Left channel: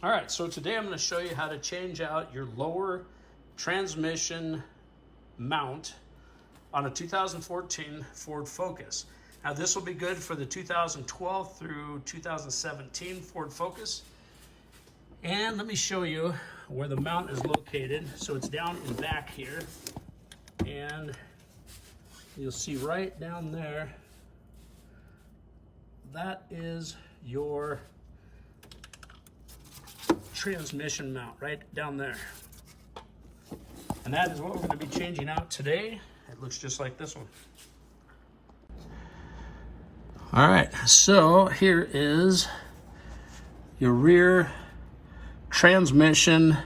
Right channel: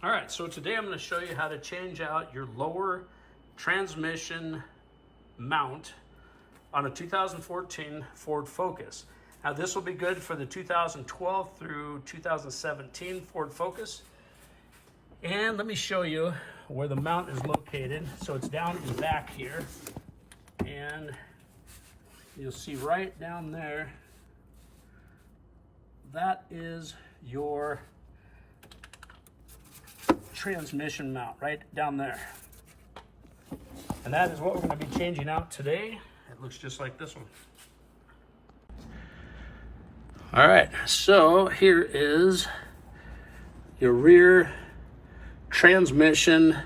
All right, so today I'm going to show you how to change out your lower transmission mount on a 2014 Ford Focus. Now this will be good for the 2012 through 2017 Ford Focus. And let me show you where the mount is located. So it's down in back here, and you'll see right down there, that is your transmission mount right down there. And that is what we're going to be changing out today. It looks just like this one. All right, so here is your rear transmission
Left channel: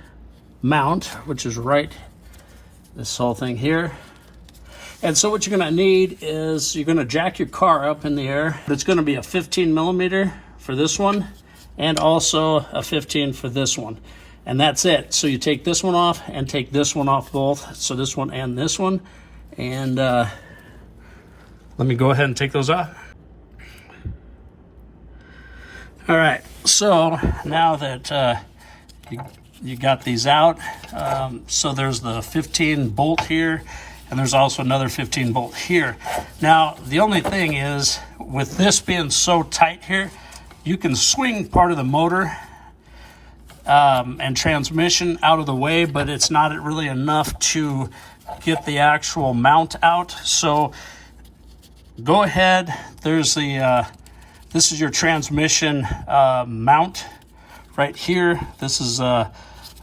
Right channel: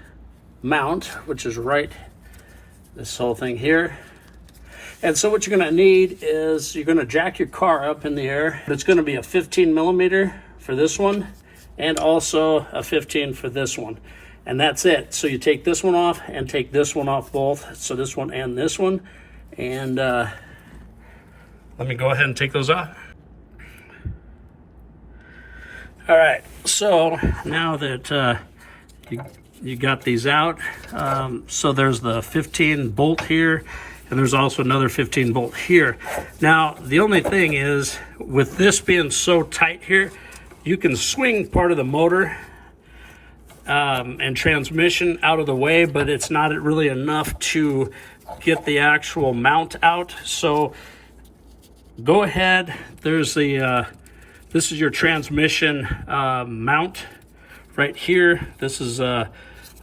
mount, which is right this whole thing here. And so what you're going to need is you're going to jack your car up in the air. It's going to be a 15 millimeter for this one, and also a 15 for this one, and that's it. So you take this one off and take this one off both, so this one and this one, and let me go ahead and take those off. All right, so now that you got these out, so there's the 15 bolt here, and there's also another 15 bolt here. Now the only thing is, with this being so tight here, you can swing part of the motor and transmission out of the way, but it's not really enough to get the actual mount out. So go ahead, there's the this is your transmission mount right here. This is a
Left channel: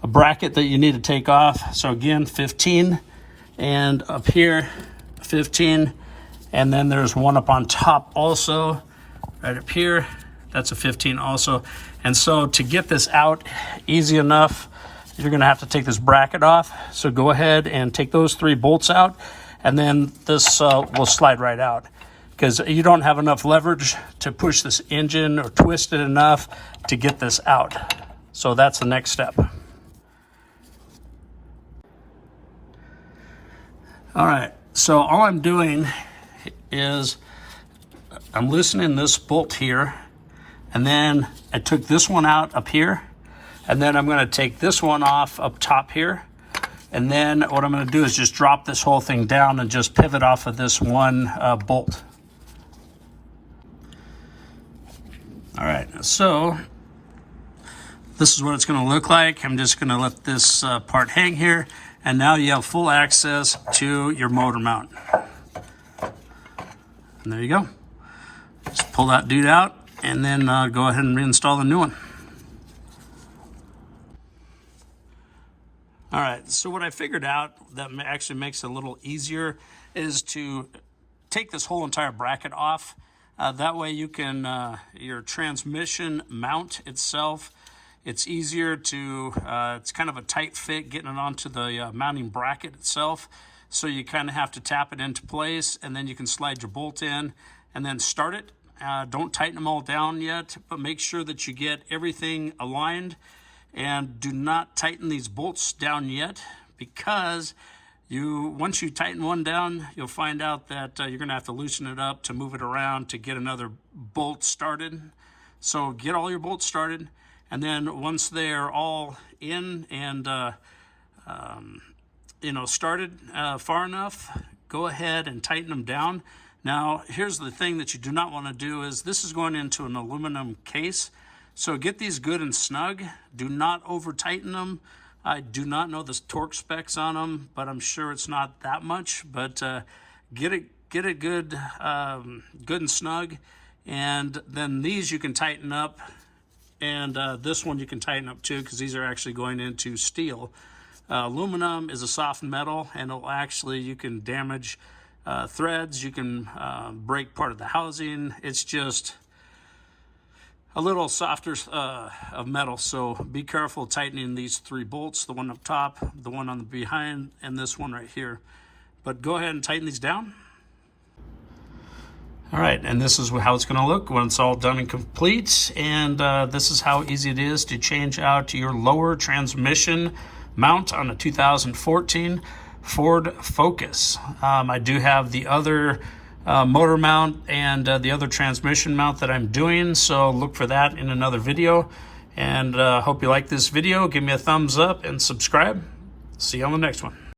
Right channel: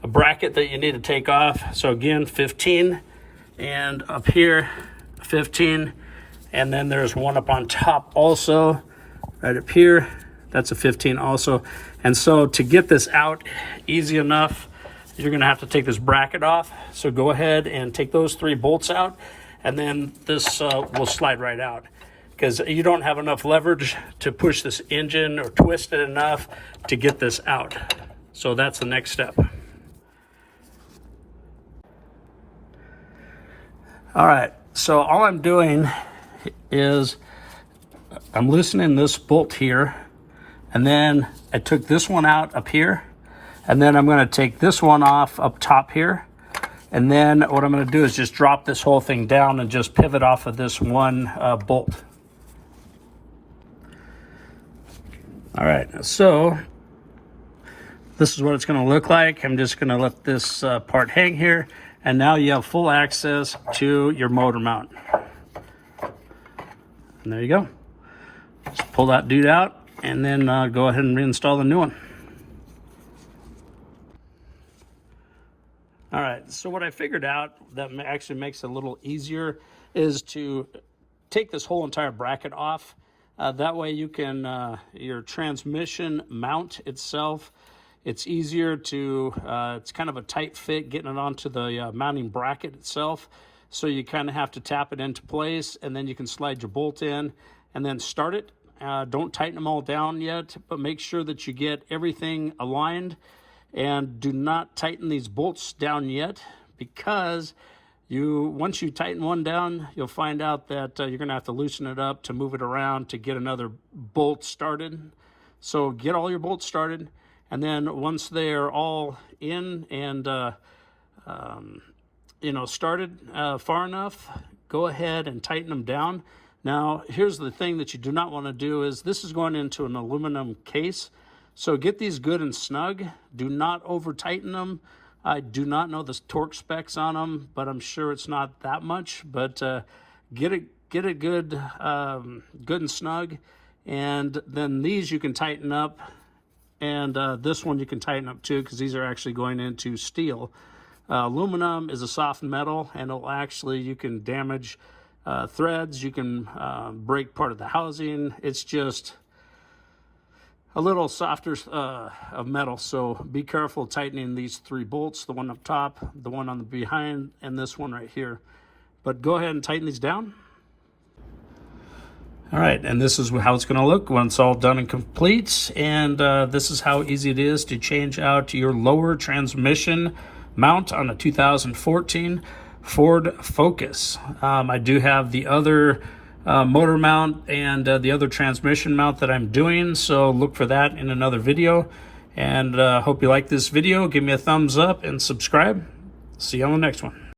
bracket that you need to take off. So again, 15, and up here 15, and then there's one up on top also right up here. That's a 15 also. And so to get this out easy enough, you're gonna have to take this bracket off. So go ahead and take those 3 bolts out, and then this will slide right out, because you don't have enough leverage to push this engine or twist it enough to get this out. So that's the next step. All right, so all I'm doing is I'm loosening this bolt here, and then I took this one out up here, and then I'm going to take this one off up top here, and then what I'm going to do is just drop this whole thing down and just pivot off of this one bolt. All right, so this is what it's going to look like. I'm just going to let this part hang here, and now you have full access to your motor mount. And there you go. Just pull that dude out, and then go ahead and reinstall the new one. All right, so what I figured out that actually makes it a little easier is to take this whole entire bracket off. That way you can, your transmission mount itself, it's easier to, it's kind of a tight fit getting it onto the mounting bracket itself. So you kind of have to tap it into place, and then you can slide your bolt in and then start it. Don't tighten them all down yet, but make sure that you get everything aligned, and do not tighten these bolts down yet, because once you tighten one down, you'll find out that you're going to have to loosen it up to move it around to get another bolt started. So get all your bolts started, and then once they're all in and started far enough, go ahead and tighten them down. Now, here's the thing that you do not want to do is, this is going into an aluminum case. So get these good and snug. Do not over tighten them. I do not know the torque specs on them, but I'm sure it's not that much. But get it good, good and snug. And then these you can tighten up, and this one you can tighten up too, because these are actually going into steel. Aluminum is a soft metal, and you can damage threads, you can break part of the housing. It's just a little softer of metal, so be careful tightening these 3 bolts, the one up top, the one on the behind, and this one right here. But go ahead and tighten these down. All right, and this is how it's going to look when it's all done and complete. And this is how easy it is to change out your lower transmission mount on a 2014 Ford Focus. I do have the other motor mount and the other transmission mount that I'm doing, so look for that in another video. And hope you like this video. Give me a thumbs up and subscribe. See you on the next one.